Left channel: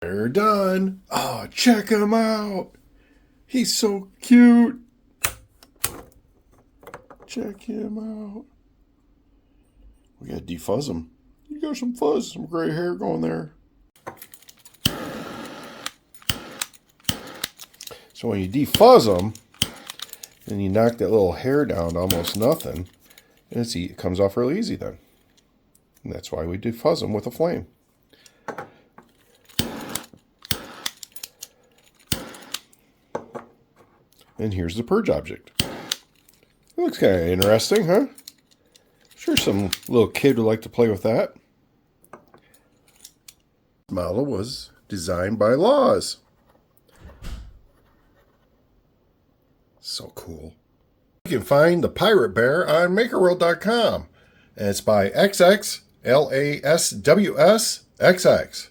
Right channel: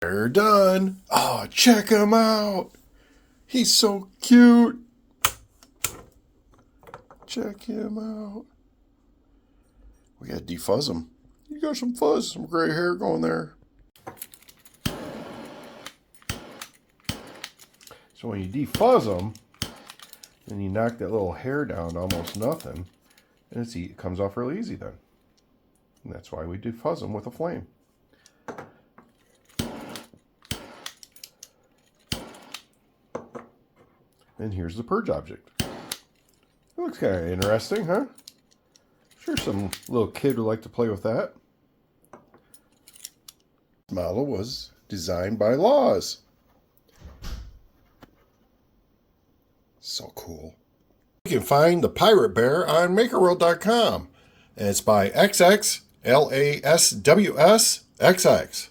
They're done. Oh, check him out. He's so cute. Check him out. We gotta defuzz him. You got some fuzz, some gray hair going there. So when you defuzz them, then you knock that little hair down to almost nothing, and it comes off real easy then. And that's why we defuzz them with a flame. And here's the purge object. It looks kind of interesting, huh? Sure some little kid would like to play with that. The model was designed by Laws. So cool. You can find the Pirate Bear on MakerWorld.com. And it's by XXLASWSXX.